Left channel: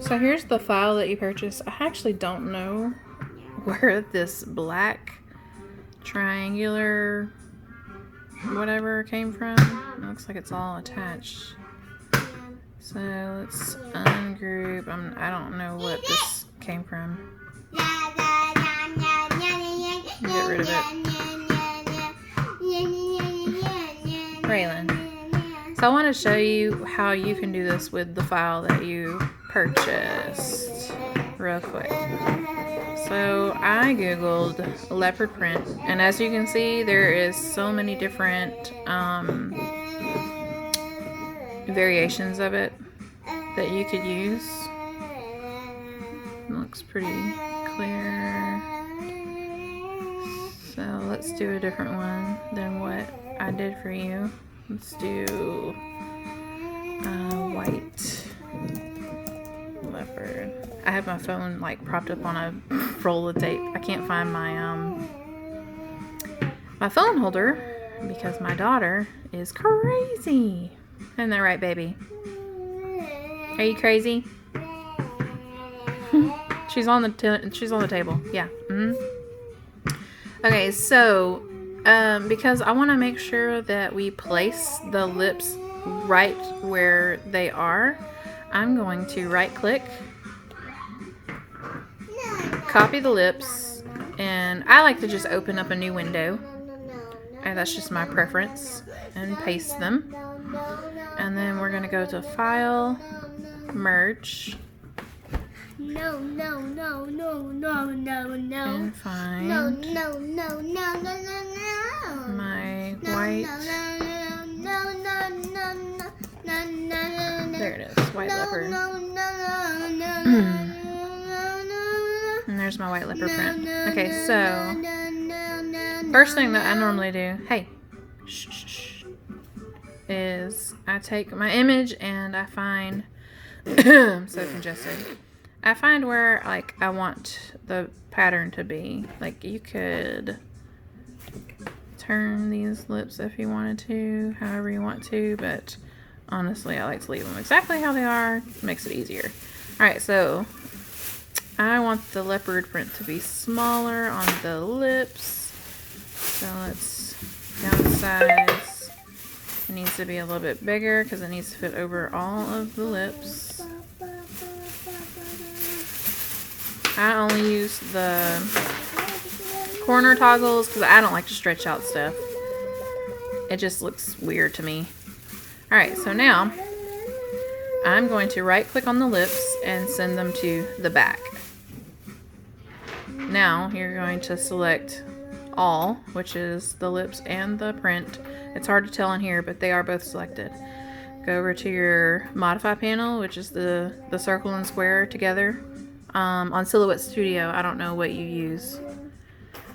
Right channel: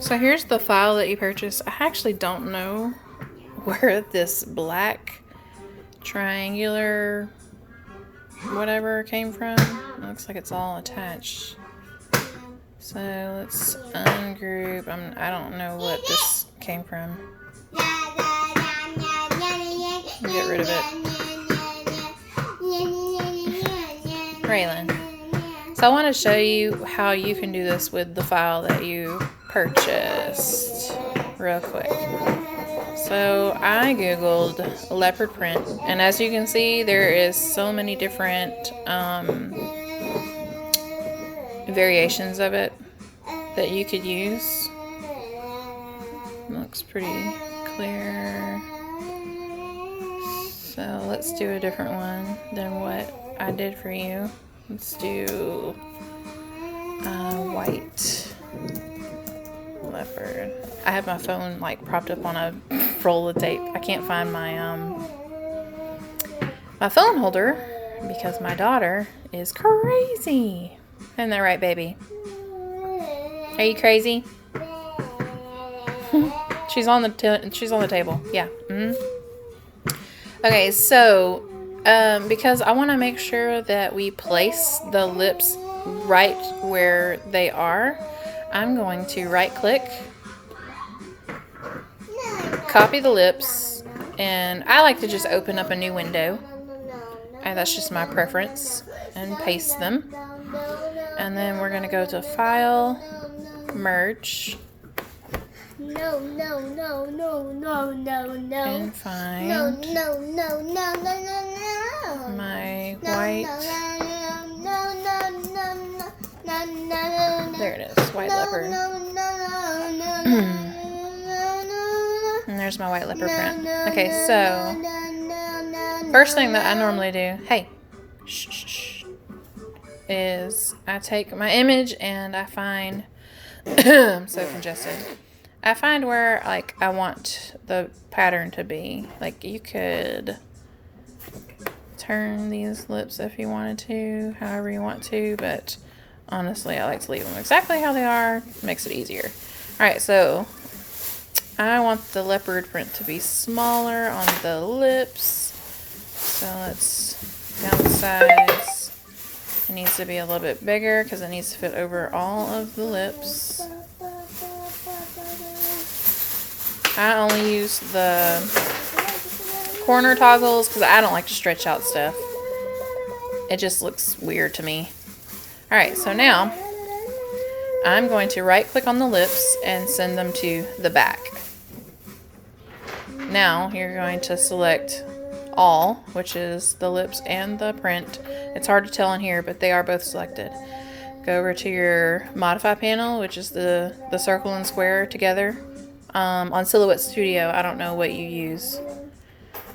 So here's the file that you purchased. I actually don't know where this black triangular whatever came from. It looks like it's all attached. So let's ungroup. I don't know what this came from. Get rid of it. Raylan. So I want to show you how you can do this with the file that you purchased real quick. So I googled leopard print, and as you can see, there is so many different variations of it that you could use. It looks pretty clear. So let's do a different one than what I did for you. Let's do white leopard. I have my phone like propped up on a roll of tape. I can't find my my phone holder because my daughter is crazy. Isn't that right, baby? Are you crazy? She's on the table. Yeah. Okay, so because I want to make sure that we place the lips right where they are, I'm going to right click, copy the lips, and I like to just open up a new window, and that's just my preference, and paste them. And then we're going to go to File, Merge, and find my white. There it is, white leopard. And there's my white leopard print. Okay, so first thing that I normally do, hey, shh, is I take my image and I find, I'm so congested. I find where like I want the pattern to be. Like you could turn these lips if you wanted to, however you want to, but honestly I like to leave them exactly how they are. It makes it easier. Alright, so I want the leopard print to be smaller on the lips. So let's downsize. It needs to be a little bit bigger because it needs to fit over all of the lips. I only use the corner toggles because I don't like to stretch out stuff. It just looks weird to me. Alright, so now I'm going to right click on the lips and send them to the back. Now you're going to select all, which is the lips and the print. It's hard to tell in here, but they are both selected. Go over to your modify panel, which is the circle and square together. On Silhouette Studio, I don't know what you use.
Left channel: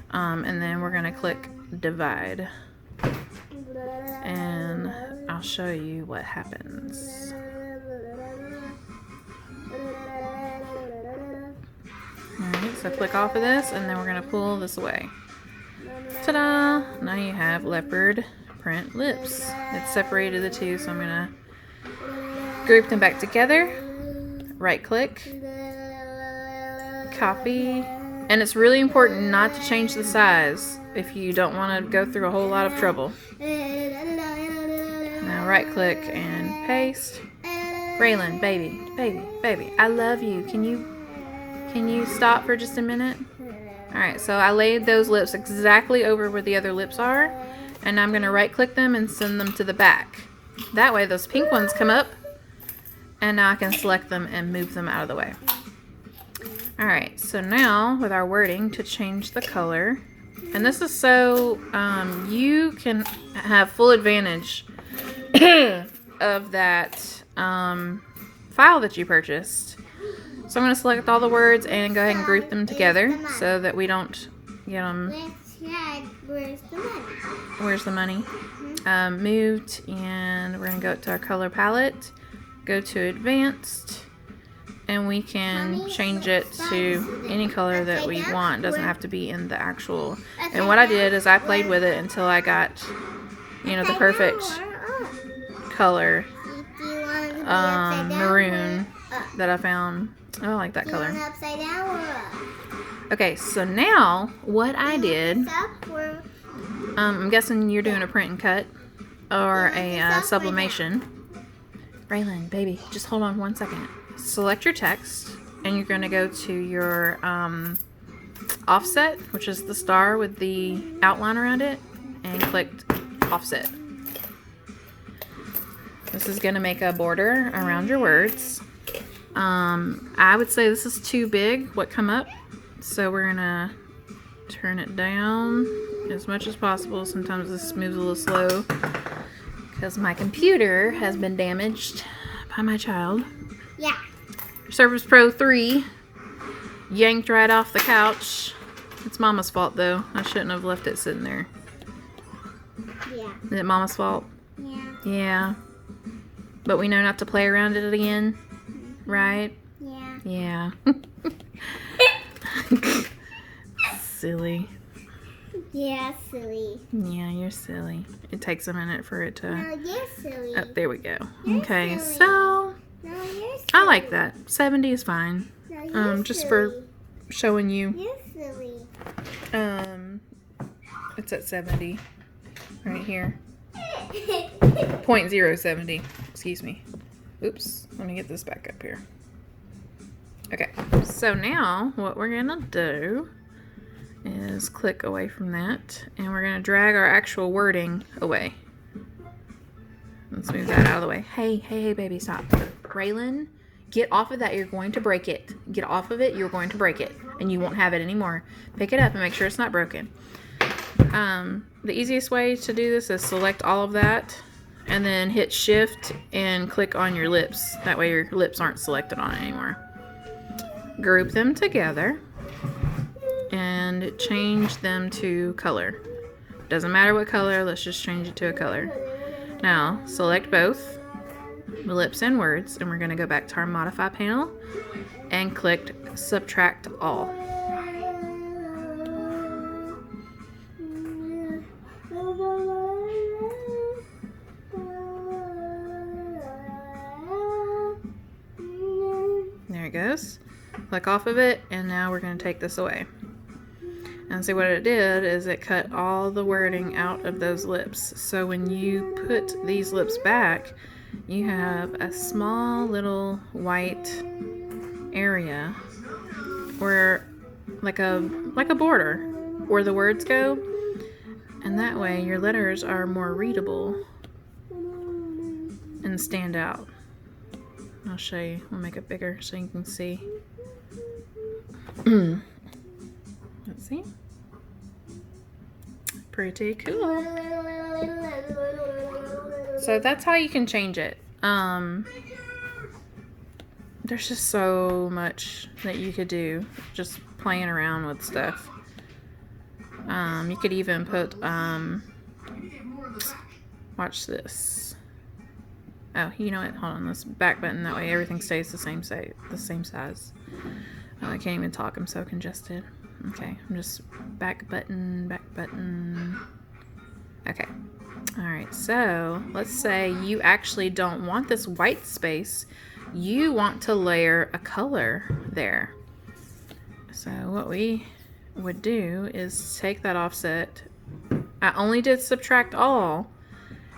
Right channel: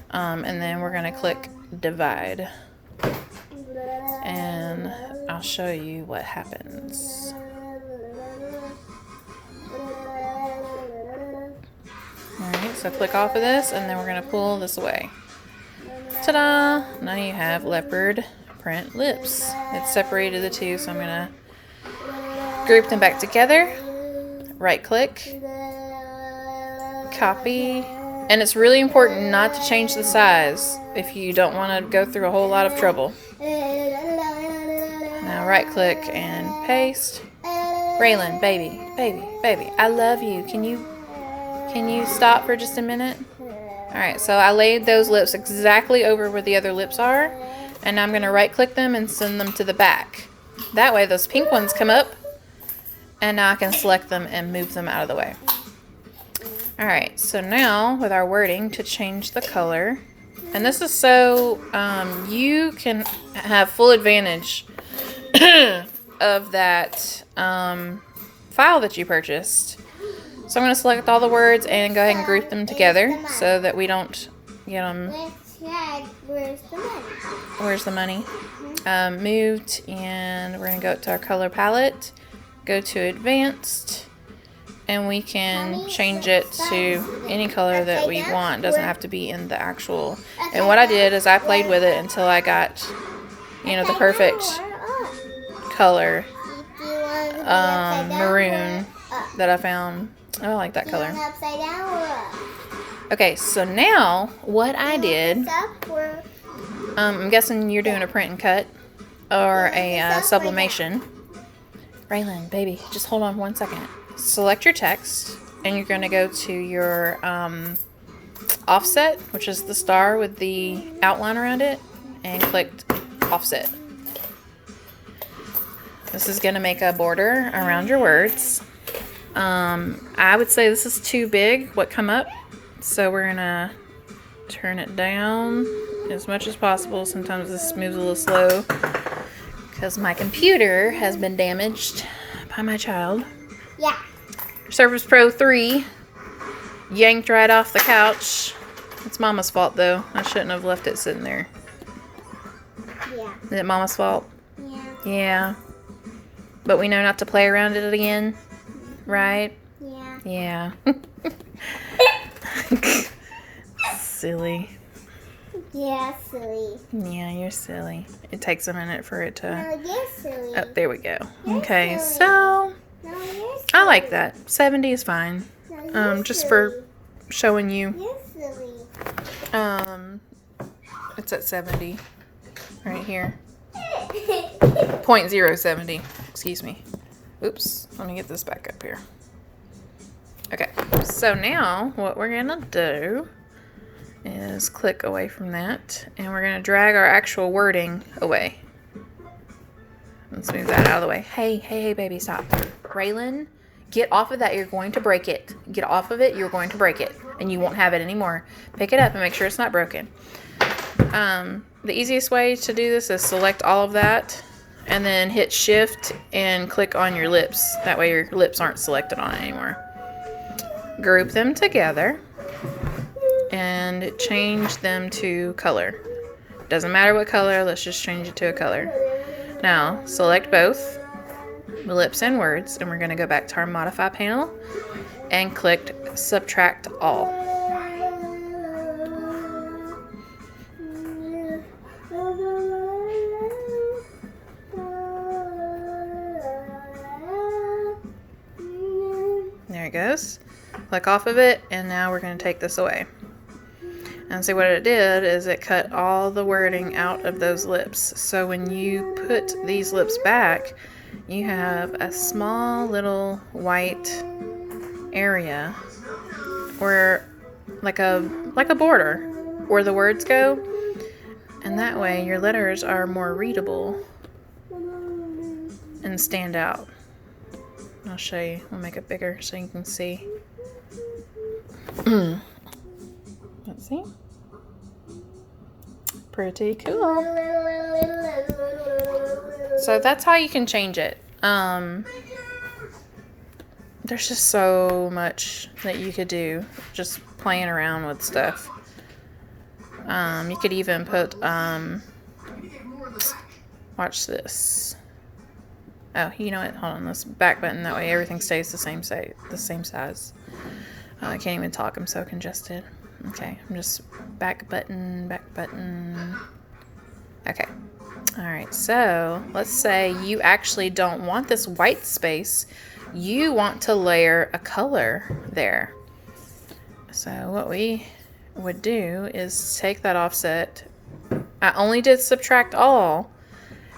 And then we're going to click divide. And I'll show you what happens. Alright, so click off of this, and then we're going to pull this away. Ta-da! Now you have leopard print lips. It's separated the two, so I'm going to group them back together. Right click. Copy. And it's really important not to change the size if you don't want to go through a whole lot of trouble. Now right click and paste. Raylan, baby, I love you. Can you stop for just a minute? Alright, so I laid those lips exactly over where the other lips are, and I'm going to right click them and send them to the back. That way those pink ones come up, and now I can select them and move them out of the way. Alright, so now with our wording to change the color, and this is so you can have full advantage of that file that you purchased. So I'm going to select all the words and go ahead and group them together so that we don't get them. Where's the money? Moved, and we're going to go to our color palette, go to advanced, and we can change it to any color that we want. It doesn't have to be in the actual. And what I did is I played with it until I got, the perfect color, maroon. that I found. Oh, I like that color. Upside down or up? Okay, so now what I did, Up or I'm guessing you're doing a print and cut or a this up or sublimation. Raylan, baby, just hold on 1 second. Select your text, and you're going to go to your offset, which is the star with the outline around it, and click offset. This is going to make a border around your words. I would say this is too big, what come up, so we're going to turn it down as much as possible. Sometimes this moves a little slow because my computer has been damaged by my child. Yeah. Surface Pro 3 yanked right off the couch. It's Mama's fault though. I shouldn't have left it sitting there. Yeah. Is it Mama's fault? Yeah. Yeah. But we know not to play around it again, right? Yeah. Yeah. Silly. Yeah, silly. Yeah, you're silly. It takes a minute for it to... No, you're silly. Oh, there we go. You're Okay, silly. so... No, you're silly. I like that. 70 is fine. No, you're Just silly. for showing you. You're silly. It's at 70. Right here. 0.070. Excuse me. Oops. Let me get this back up here. Okay. So now what we're going to do is click away from that, and we're going to drag our actual wording away. Let's move that out of the way. Hey, baby, stop. Raylan, get off of that. You're going to break it. Get off of it. You're going to break it, and you won't have it anymore. Pick it up and make sure it's not broken. The easiest way to do this is select all of that, and then hit Shift and click on your lips. That way your lips aren't selected on it anymore. Group them together and change them to color. Doesn't matter what color, let's just change it to a color. Now, select both lips and words, and we're going to go back to our modify panel and click subtract all. There it goes. Click off of it, and now we're going to take this away. And see what it did is it cut all the wording out of those lips. So when you put these lips back, you have a small little white area where like a border where the words go, and that way your letters are more readable and stand out. I'll show you. We'll make it bigger so you can see. Let's see. Pretty cool. So that's how you can change it. There's just so much that you could do just playing around with stuff. You could even put watch this. Oh, you know what? Hold on. Let's back button. That way everything stays the same size. I can't even talk. I'm so congested. Okay, I'm just back button. Okay. All right. So let's say you actually don't want this white space. You want to layer a color there. So what we would do is take that offset. I only did subtract all.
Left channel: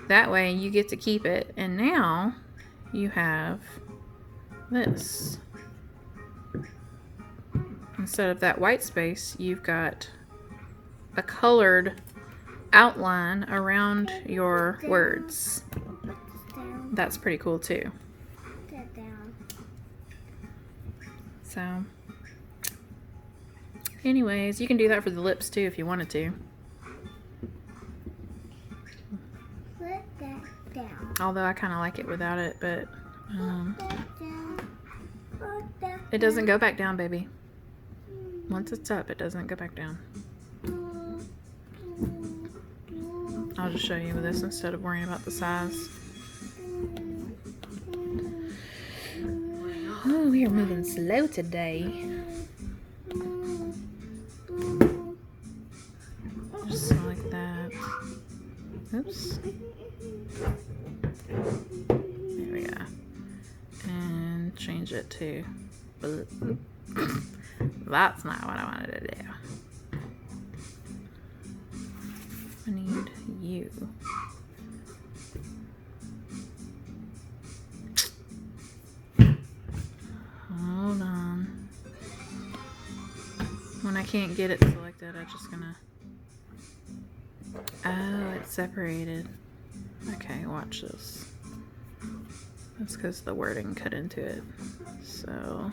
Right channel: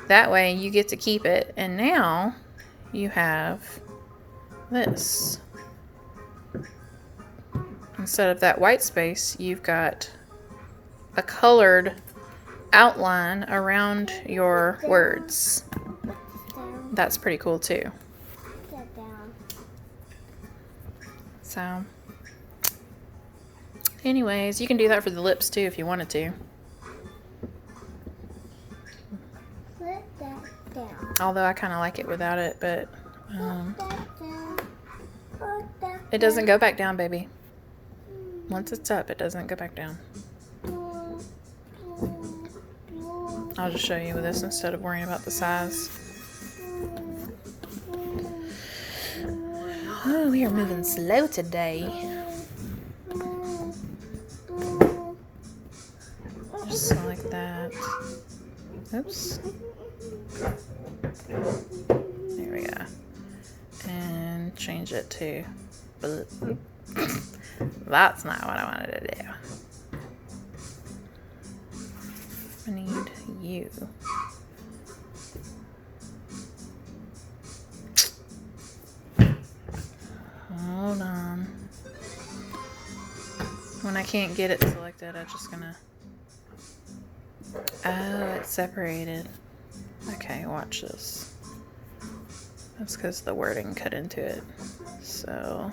That way you get to keep it. And now you have this. Instead of that white space, you've got a colored outline around your words. That's pretty cool too. So, anyways, you can do that for the lips too if you wanted to. Although I kind of like it without it, but it doesn't go back down, baby. Once it's up, it doesn't go back down. I'll just show you with this instead of worrying about the size. Oh, we are moving slow today. Just like that. Oops. There we go. And change it to. But that's not what I wanted to do. I need you. Hold on. When I can't get it selected, I'm just gonna. Oh, it's separated. Okay, watch this. That's because the wording cut into it. So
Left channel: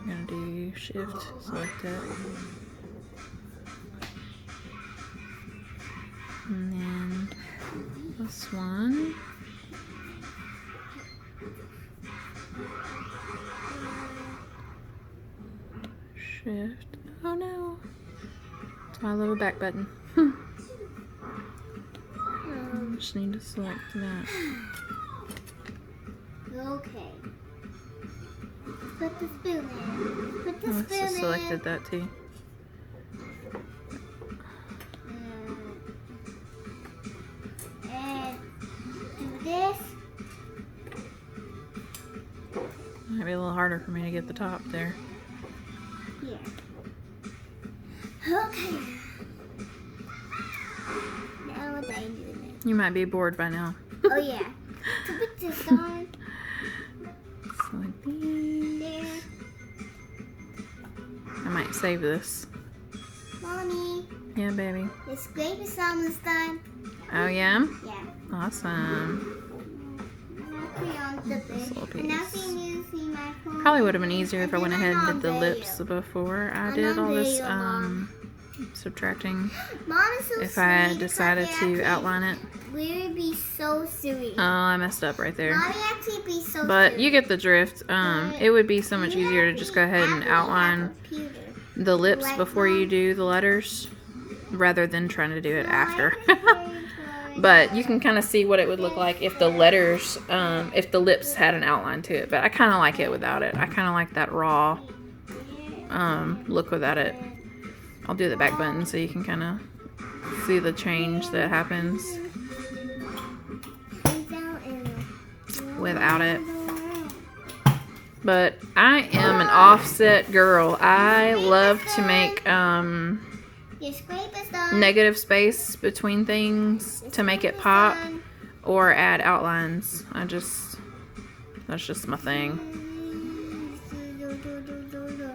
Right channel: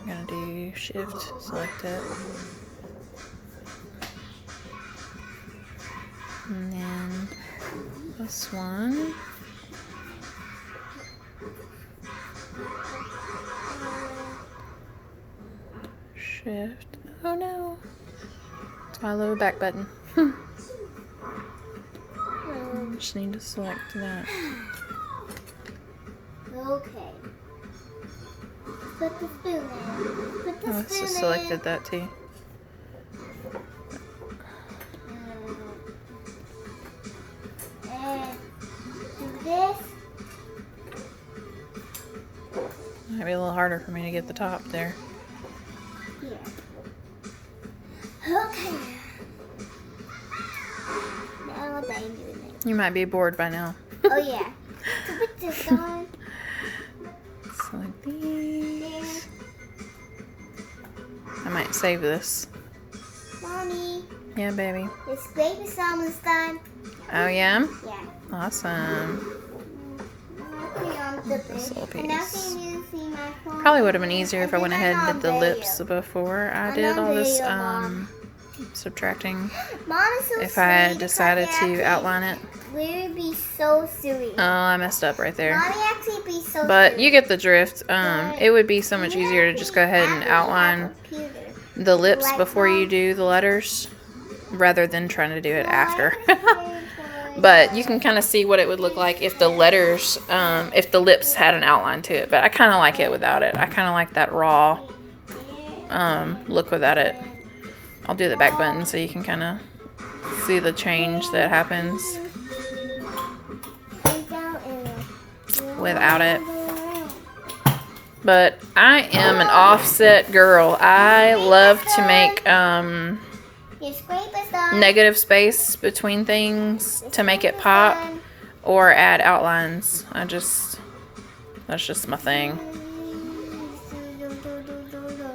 I'm gonna do shift, select it. And then this one. Shift. Oh no. It's my lower back button. Just need to select that. Okay. Put the spoon in. Put the Oh, spoon so in. selected that too. And do this. Might be a little harder for me to get the top there. Here. Okay. Now what am I doing it? You might be bored by now. Oh yeah. To put this on. Select these. There. I might save this. Mommy. Yeah, baby. The scrape is almost done. Oh yeah? Yeah. Awesome. This little piece. Probably would have been easier if I went ahead and did the lips before I did all this subtracting. If I had decided to outline it. We would be so silly. Oh, I messed up right there. Mommy actually be so But silly. you get the drift. It would be so much easier to just go ahead and outline the lips before you do the letters rather than trying to do it after. But you can kind of see what it would look like if the letters, if the lips had an outline to it. But I kind of like it without it. I kind of like that raw look without it. I'll do the back button so you can kind of see the change that happens without it. But I am an offset girl. I love to make negative space between things to make it pop or add outlines. That's just my thing.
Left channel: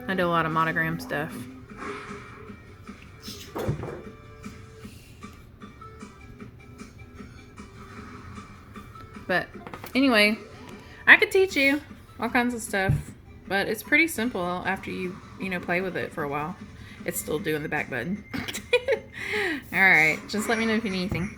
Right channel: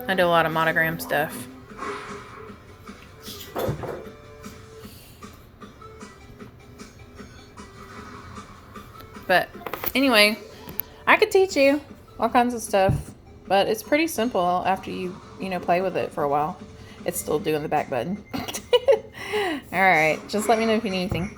I do a lot of monogram stuff. But anyway, I could teach you all kinds of stuff, but it's pretty simple after you play with it for a while. It's still doing the back button. All right, just let me know if you need anything.